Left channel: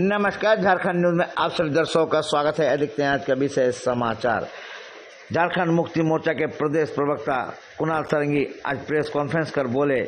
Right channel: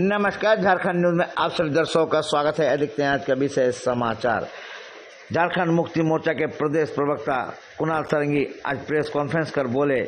नमस्कार, झारखंड न्यूज में आप सभी दर्शकों का स्वागत है। देखते हैं आज का विशेष समाचार। झारखंड मुक्ति मोर्चा के प्रदेश प्रवक्ता कुणाल सारंगी आज प्रेस कॉन्फ्रेंस कर बोले,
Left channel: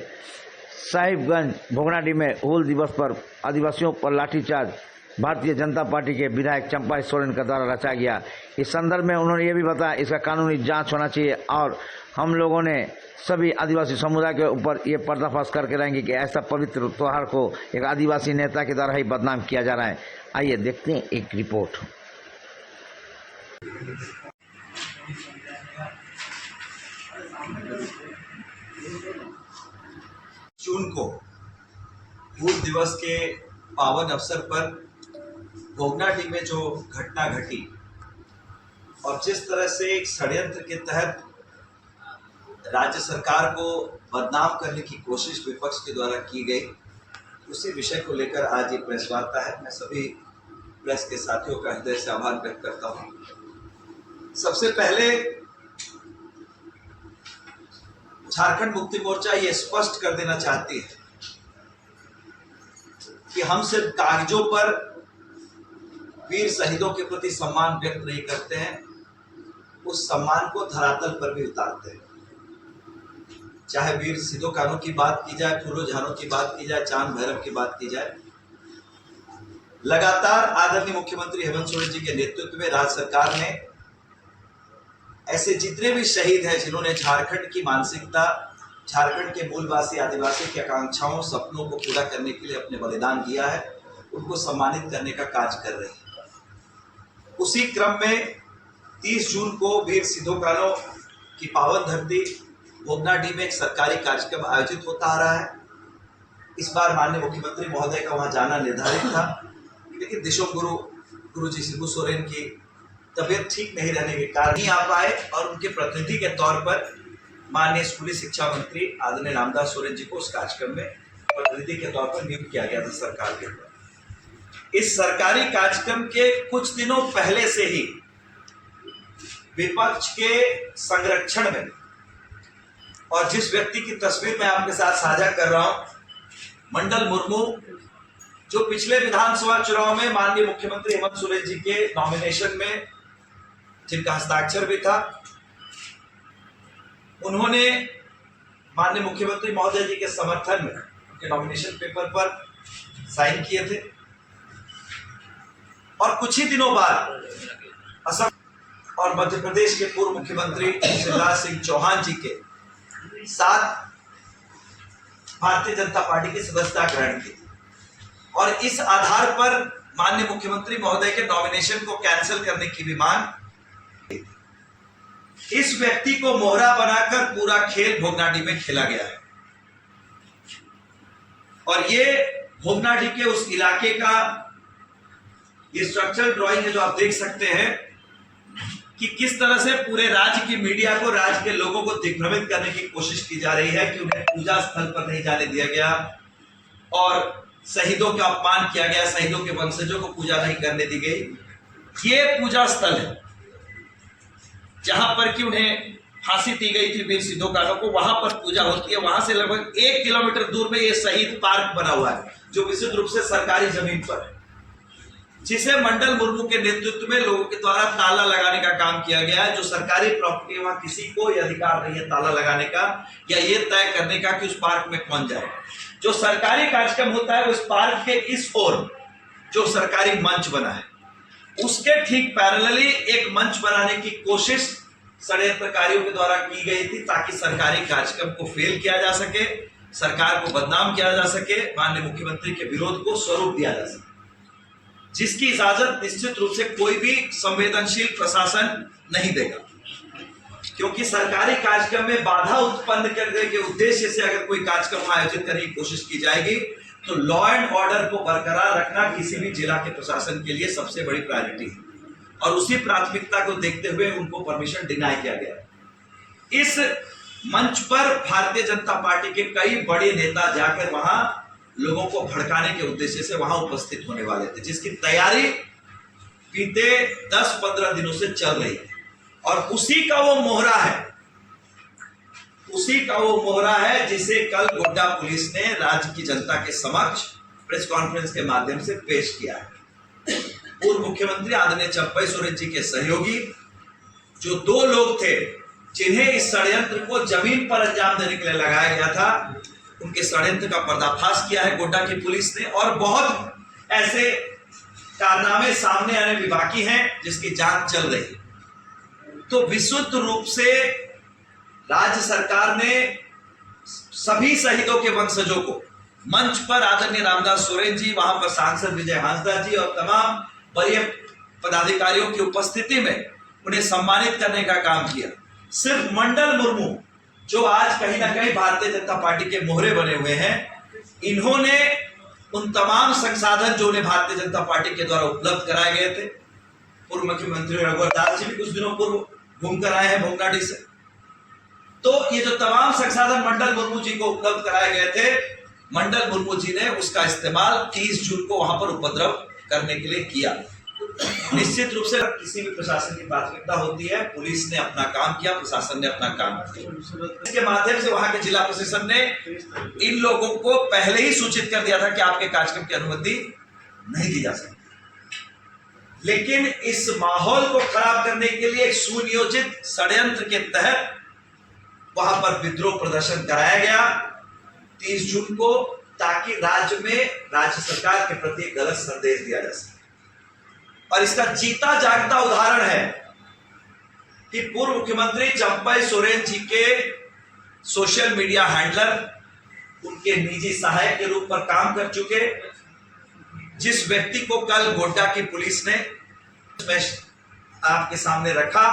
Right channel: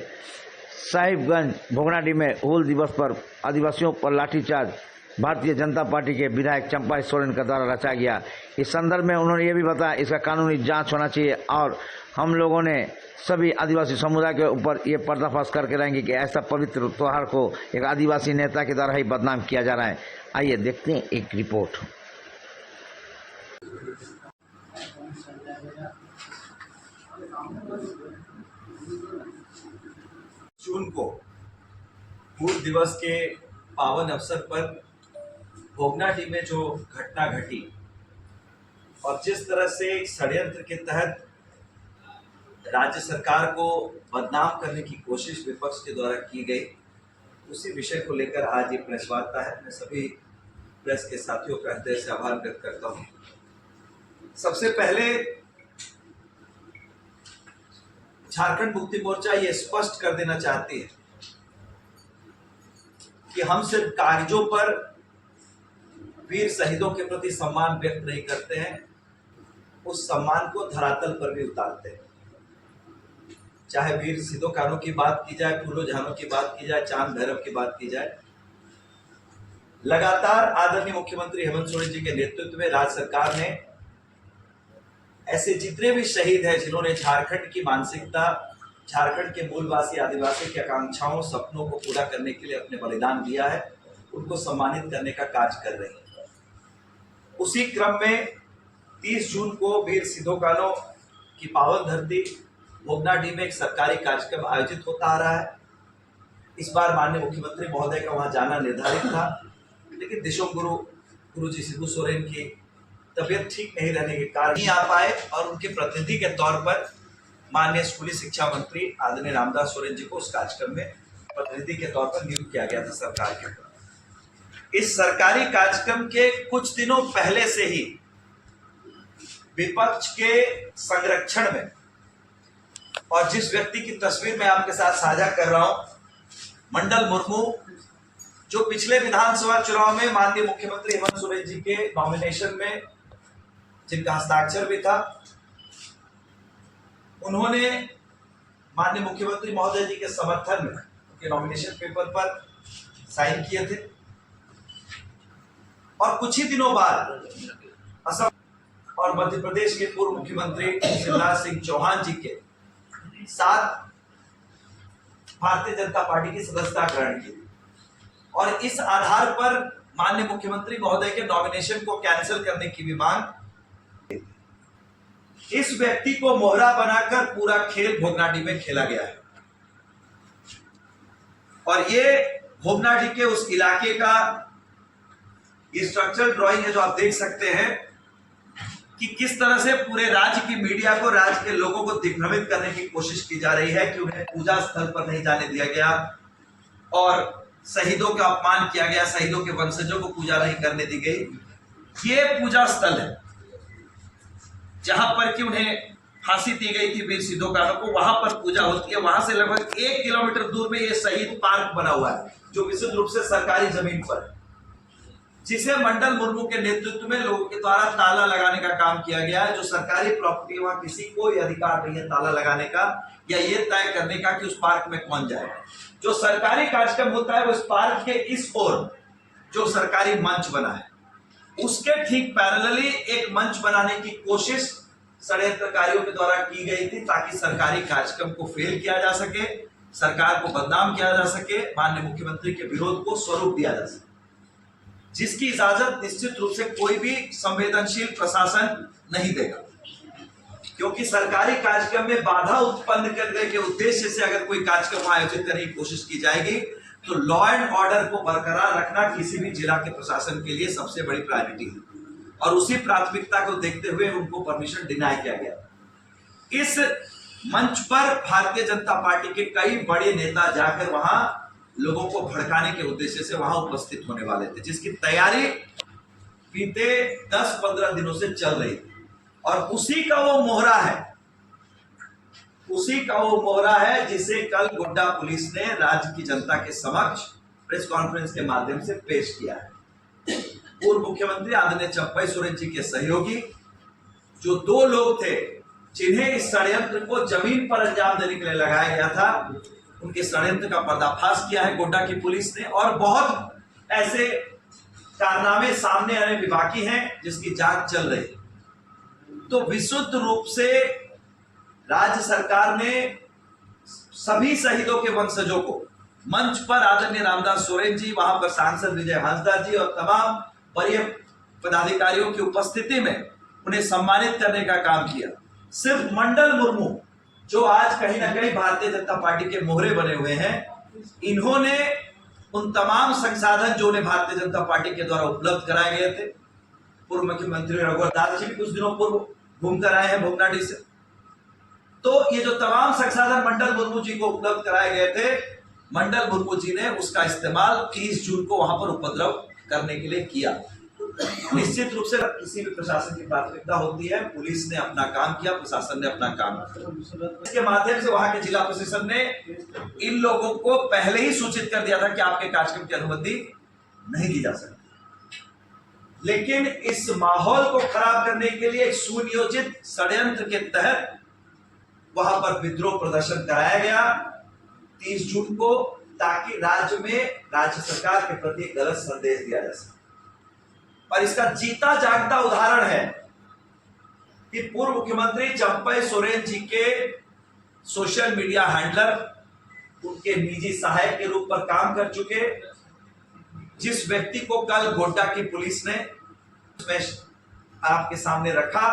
साहिबगंज भोगनाडीह में हूल दिवस पर आदिवासियों पर लाठीचार्ज भारतीय जनता पार्टी के विधायक चंपा सोरेन का द्वारा रचा गया। इस संदर्भ में उन्होंने ये भी बताया इसका कानूनी जांच होना चाहिए और हम लोगों ने सभी आदिवासी समुदाय के ऊपर ये पर्दाफाश करके रहेंगे कि ऐसा पवित्र त्योहार को एक आदिवासी नेता के द्वारा ही बदनाम किया जा रहा है। आइए देखते हैं एक रिपोर्ट। जून को हूल दिवस के पावन अवसर पर भोगनाडीह में जो घटना घटी और जिस तरह से एक षड्यंत्र के तहत राज्य सरकार को बदनाम करने की कोशिश विपक्ष के द्वारा की गई, उसी विषय को लेकर आज ये प्रेस वार्ता है। मैं सभी प्रेस के साथियों का हृदय से आभार व्यक्त करता हूँ। सबसे पहले झारखंड मुक्ति मोर्चा ये स्पष्ट कर देना चाहती है कि हम सिर्फ कागजों पर वीर शहीदों के प्रति सम्मान व्यक्त नहीं करते हैं, उस सम्मान को धरातल पर भी उतारते हैं। चाहे वीर सिद्धो कान्हू की बात की जाए, फूलो झानो की बात की जाए, चांद भैरव की बात की जाए, लगातार आदरणीय मुख्यमंत्री हेमंत सोरेन जी के नेतृत्व में राज्य सरकार ने ऐसे जितने भी शहीद हैं जिन्होंने झारखंड की मानसिकता, झारखंड के मूलवासी आदिवासी की आकांक्षाओं, सपनों को पूरा करने के लिए अपने बलिदान दिया है, उनको सम्मानित करने का कार्य कर रही है। उसी क्रम में 30 जून को वीर सिद्धो कान्हू की पावन धरती भोगनाडीह में एक सरकारी कार्यक्रम आयोजित होता आ रहा है। इस बार माननीय मुख्यमंत्री महोदय का वहां जाना निर्धारित था, लेकिन दिशोम गुरु जी शिबू सोरेन की तबीयत ठीक नहीं रहने के कारण नहीं आ पाए और उनके प्रतिनिधि के तौर पर माननीय स्कूली शिक्षा मंत्री आदरणीय रामदास सोरेन जी को उस कार्यक्रम में प्रतिनिधि के तौर पर नियुक्त किया गया था सरकार के द्वारा। इस सरकारी कार्यक्रम के कुछ दिनों पहले से ही विपक्ष के संरक्षण में, और जिस व्यक्ति की तस्वीर मैं आपके साथ साझा कर रहा हूं, मंडल मुर्मू, जो पिछले विधानसभा चुनाव में माननीय मुख्यमंत्री हेमंत सोरेन जी के नॉमिनेशन में जिनका हस्ताक्षर भी था, उन्होंने माननीय मुख्यमंत्री महोदय जी के समर्थन में उनके नॉमिनेशन पेपर पर साइन किए थे। और कुछ ही दिनों बाद असम और मध्य प्रदेश के पूर्व मुख्यमंत्री शिवराज सिंह चौहान जी के साथ भारतीय जनता पार्टी की सदस्यता ग्रहण की और इस आधार पर माननीय मुख्यमंत्री महोदय के नॉमिनेशन को कैंसिल करने की भी मांग। इस व्यक्ति को मोहरा बनाकर पूरा खेल भोगनाडीह में खेला गया है और ये भोगनाडीह के उस इलाके का ये स्ट्रक्चरल ड्राइंग है जो आप देख सकते हैं कि किस तरह से पूरे राज्य की मीडिया को, राज्य के लोगों को दिग्भ्रमित करने की कोशिश की जा रही है कि उन्हें पूजा स्थल पर नहीं जाने दिया गया और शहीदों का अपमान किया गया, शहीदों के वंशजों को पूजा नहीं करने दी गई। ये पूजा स्थल है जहां पर कि उन्हें फांसी दी गई थी वीर सिद्धो कान्हू को, वहां पर पूजा होती है। वहां से लगभग 1 किलोमीटर दूर में ये शहीद पार्क बना हुआ है जो विशुद्ध रूप से सरकारी जमीन पर है, जिसे मंडल मुर्मू के नेतृत्व में लोगों के द्वारा ताला लगाने का काम किया गया है। जो सरकारी प्रॉपर्टी, वहां किसी को अधिकार नहीं है ताला लगाने का या ये तय करने का कि उस पार्क में कौन जाए। जो सरकारी कार्यक्रम होता है वो इस पार्क के इस ओर जो सरकारी मंच बना है उसके ठीक पैरेलली एक मंच बनाने की कोशिश षड्यंत्रकारियों के द्वारा की गई थी ताकि सरकारी कार्यक्रम को फेल किया जा सके, सरकार को बदनाम किया जा सके, माननीय मुख्यमंत्री के विरोध को स्वरूप दिया जा सके, जिसकी इजाजत निश्चित रूप से कोई भी संवेदनशील प्रशासन नहीं देगा। क्योंकि सरकारी कार्यक्रम में बाधा उत्पन्न करने के उद्देश्य से अगर कोई कार्यक्रम आयोजित करने की कोशिश की जाएगी तो लॉ एंड ऑर्डर को बरकरार रखना किसी भी जिला के प्रशासन के लिए सबसे बड़ी प्रायोरिटी है और उसी प्राथमिकता को देखते हुए उनको परमिशन डिनाई किया गया। इस मंच पर भारतीय जनता पार्टी के कई बड़े नेता जाकर वहां लोगों को भड़काने के उद्देश्य से वहां उपस्थित होने वाले थे, जिसकी तैयारी बीते 10-15 दिनों से चल रही थी और उसी का वो मोहरा है जिसे कल गोड्डा पुलिस ने राज्य की जनता के समक्ष प्रेस कॉन्फ्रेंस के माध्यम से पेश किया है। पूर्व मुख्यमंत्री आदरणीय चंपई सोरेन जी के सहयोगी जो 2 लोग थे जिन्हें इस षड्यंत्र को जमीन पर अंजाम देने के लिए लगाया गया था, उनके षड्यंत्र का पर्दाफाश किया है गोड्डा की पुलिस ने, और बहुत ऐसे कारनामे सामने आने भी बाकी हैं जिसकी जांच चल रही है। तो विशुद्ध रूप से राज्य सरकार ने सभी शहीदों के वंशजों को मंच पर आदरणीय रामदास सोरेन जी, वहां पर सांसद विजय हांसदा जी और तमाम वरीय पदाधिकारियों की उपस्थिति में उन्हें सम्मानित करने का काम किया। सिर्फ मंडल मुर्मू जो आज कहीं ना कहीं भारतीय जनता पार्टी के मोहरे बने हुए हैं, इन्होंने उन तमाम संसाधन जो उन्हें भारतीय जनता पार्टी के द्वारा उपलब्ध कराए गए थे, पूर्व मुख्यमंत्री रघुवर दास जी भी कुछ दिनों पूर्व घूमकर आए हैं भोगनाडी से, तो ये जो तमाम संसाधन मंडल मुर्मू जी को उपलब्ध कराए गए थे, मंडल मुर्मू जी ने उसका इस्तेमाल 30 जून को वहां पर उपद्रव करने के लिए किया। निश्चित रूप से किसी भी प्रशासन की प्राथमिकता होती है, पुलिस ने अपना काम किया, प्रशासन ने अपना काम किया। इसके माध्यम से वहां के जिला प्रशासन ने इन लोगों को पहले ही सूचित कर दिया था कि आपके कार्यक्रम की अनुमति नहीं दी जा सकती। लेकिन इस माहौल को खराब करने के लिए एक सुनियोजित षड्यंत्र के तहत वहां पर विद्रोह प्रदर्शन कराया गया 30 जून को, ताकि राज्य में राज्य सरकार के प्रति एक गलत संदेश दिया जा सके। और इसका जीता जागता उदाहरण है कि पूर्व मुख्यमंत्री चंपई सोरेन जी के सोशल मीडिया हैंडलर उनके निजी सहायक के रूप पर काम कर चुके जिस व्यक्ति को कल गोड्डा की पुलिस ने आपके सामने रखा,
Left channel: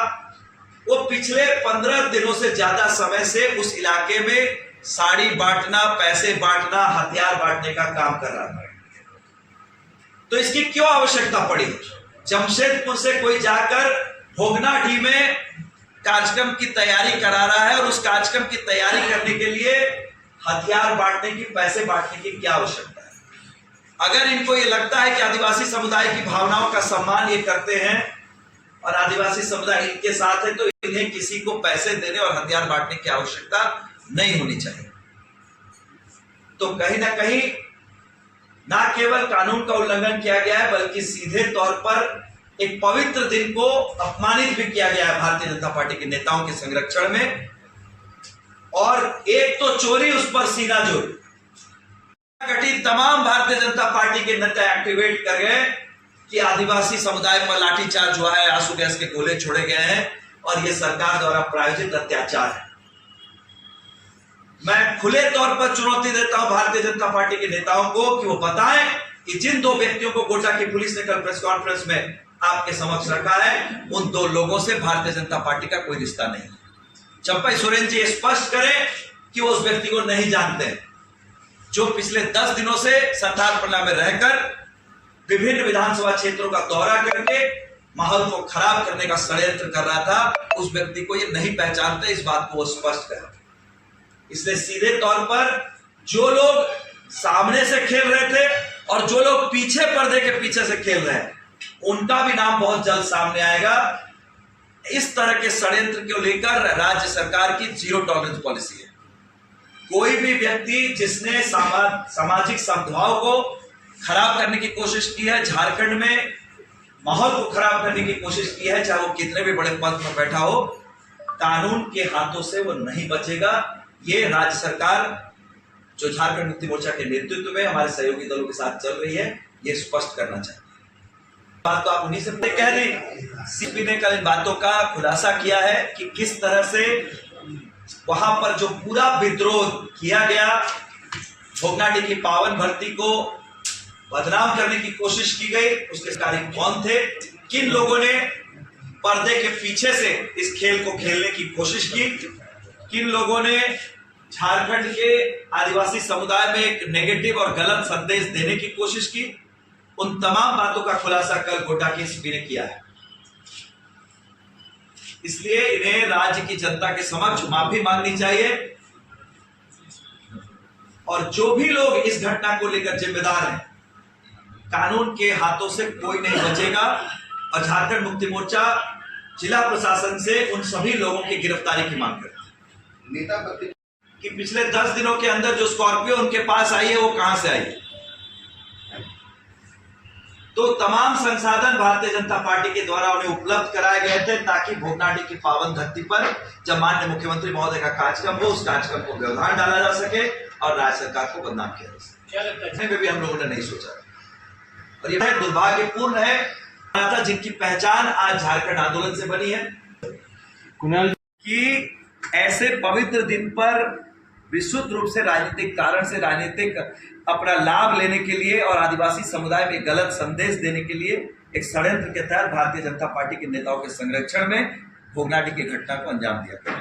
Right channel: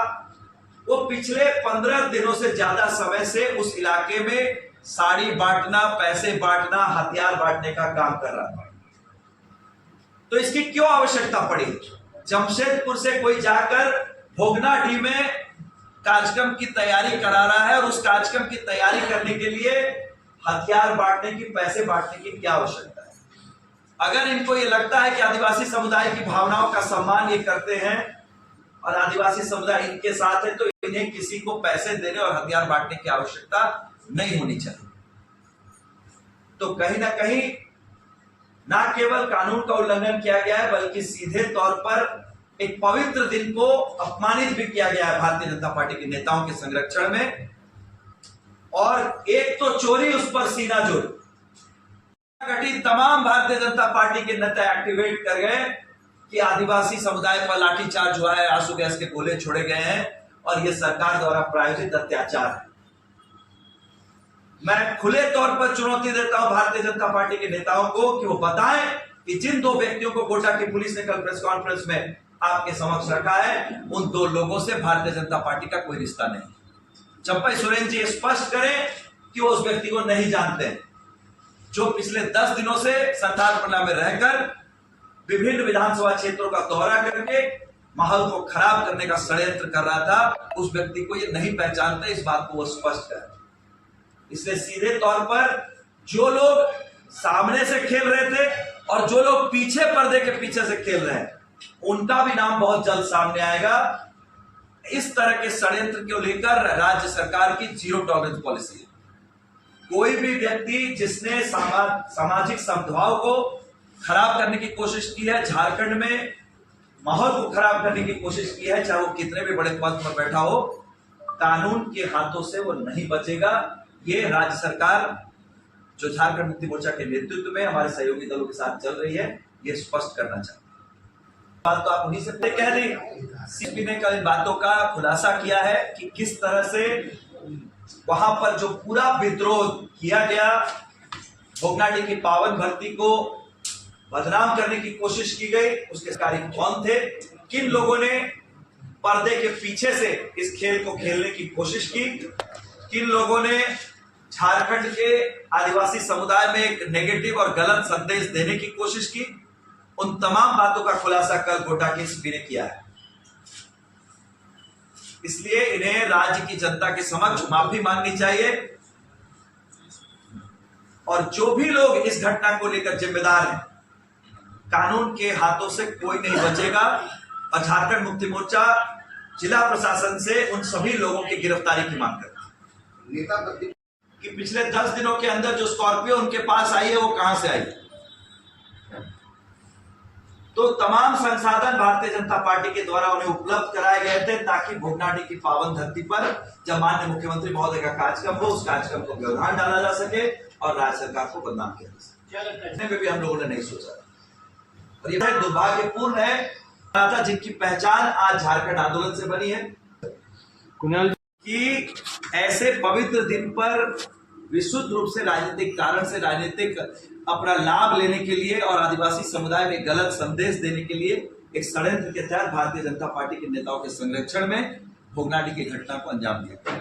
वो पिछले 15 दिनों से ज्यादा समय से उस इलाके में साड़ी बांटना, पैसे बांटना, हथियार बांटने का काम कर रहा था। तो इसकी क्यों आवश्यकता पड़ी? जमशेदपुर से कोई जाकर भोगनाडी में कार्यक्रम की तैयारी करा रहा है, और उस कार्यक्रम की तैयारी करने के लिए हथियार बांटने की, पैसे बांटने की क्या आवश्यकता है? अगर इनको ये लगता है कि आदिवासी समुदाय की भावनाओं का सम्मान ये करते हैं और आदिवासी समुदाय इनके साथ है, तो इन्हें किसी को पैसे देने और हथियार बांटने की आवश्यकता नहीं होनी चाहिए। तो कहीं ना कहीं ना केवल कानून का उल्लंघन किया गया है, बल्कि सीधे तौर पर एक पवित्र दिन को अपमानित भी किया गया है भारतीय जनता पार्टी के नेताओं के संरक्षण में। और एक तो चोरी, उस पर सीना जोरी। गठित तमाम भारतीय जनता पार्टी के नेता एक्टिवेट कर गए कि आदिवासी समुदाय पर लाठीचार्ज हुआ है, आंसू गैस के गोले छोड़े गए हैं और यह सरकार द्वारा प्रायोजित अत्याचार है। मैं खुले तौर पर चुनौती देता हूं भारतीय जनता पार्टी के नेताओं को कि वो बताएं कि जिन 2 व्यक्तियों को गोड्डा की पुलिस ने कल प्रेस कॉन्फ्रेंस में आपके समक्ष रखा है, उन 2 लोगों से भारतीय जनता पार्टी का कोई रिश्ता नहीं। चंपई सोरेन जी स्पष्ट करें कि वो उस व्यक्ति को नहीं जानते हैं जो पिछले 10 दिनों से संथालपल्ला में रहकर विभिन्न विधानसभा क्षेत्रों का दौरा करके माहौल को खराब करने का षड्यंत्र कर रहा था। उस व्यक्ति को ये नहीं पहचानते, इस बात को वो स्पष्ट करें। इसलिए सीधे तौर पर जो लोग सामने से खेल रहे थे और जो लोग पीछे पर्दे के पीछे से खेल रहे हैं, उनका भी नाम बहुत जल्द सामने आएगा। इस तरह के षड्यंत्र को लेकर राज्य सरकार की 0 टॉलरेंस पॉलिसी है। कोई भी व्यक्ति जिसने सामाजिक सद्भाव को खराब करने की कोशिश की है, झारखंड में माहौल को खराब करने की कोशिश की है, चाहे वो कितने भी बड़े पद पर बैठा हो, कानून के हाथों से वो नहीं बचेगा। ये राज्य सरकार जो झारखंड मुक्ति मोर्चा के नेतृत्व में हमारे सहयोगी दलों के साथ चल रही है, ये स्पष्ट करना चाहिए। बात तो आप उन्हीं से कह दी। सीपी ने कल इन बातों का खुलासा किया है कि किस तरह से वहां पर जो पूरा विद्रोह किया गया, भोगनाडी की पावन भर्ती को बदनाम करने की कोशिश की गई, उसके कारी कौन थे, किन लोगों ने पर्दे के पीछे से इस खेल को खेलने की कोशिश की, किन लोगों ने झारखंड के आदिवासी समुदाय में एक नेगेटिव और गलत संदेश देने की कोशिश की, उन तमाम बातों का खुलासा कल गोड्डा की एसपी ने किया है। इसलिए इन्हें राज्य की जनता के समक्ष माफी मांगनी चाहिए, और जो भी लोग इस घटना को लेकर जिम्मेदार हैं, कानून के हाथों से कोई नहीं बचेगा। और झारखंड मुक्ति मोर्चा जिला प्रशासन से उन सभी लोगों की गिरफ्तारी की मांग करता है। नेता कि पिछले 10 दिनों के अंदर जो स्कॉर्पियो उनके पास आई है, वो कहां से आई है? तो तमाम संसाधन भारतीय जनता पार्टी के द्वारा उन्हें उपलब्ध कराए गए थे ताकि भोगनाडीह की पावन धरती पर जब माननीय मुख्यमंत्री महोदय का कार्यक्रम हो, उस कार्यक्रम को व्यवधान डाला जा सके और राज्य सरकार को बदनाम किया जा सके। भी हम लोगों ने नहीं सोचा और यह दुर्भाग्यपूर्ण है था जिनकी पहचान आज झारखंड आंदोलन से बनी है कुणाल कि ऐसे पवित्र दिन पर विशुद्ध रूप से राजनीतिक कारण से राजनीतिक अपना लाभ लेने के लिए और आदिवासी समुदाय में गलत संदेश देने के लिए एक षड्यंत्र के तहत भारतीय जनता पार्टी के नेताओं के संरक्षण में भोगनाडीह की घटना को अंजाम दिया।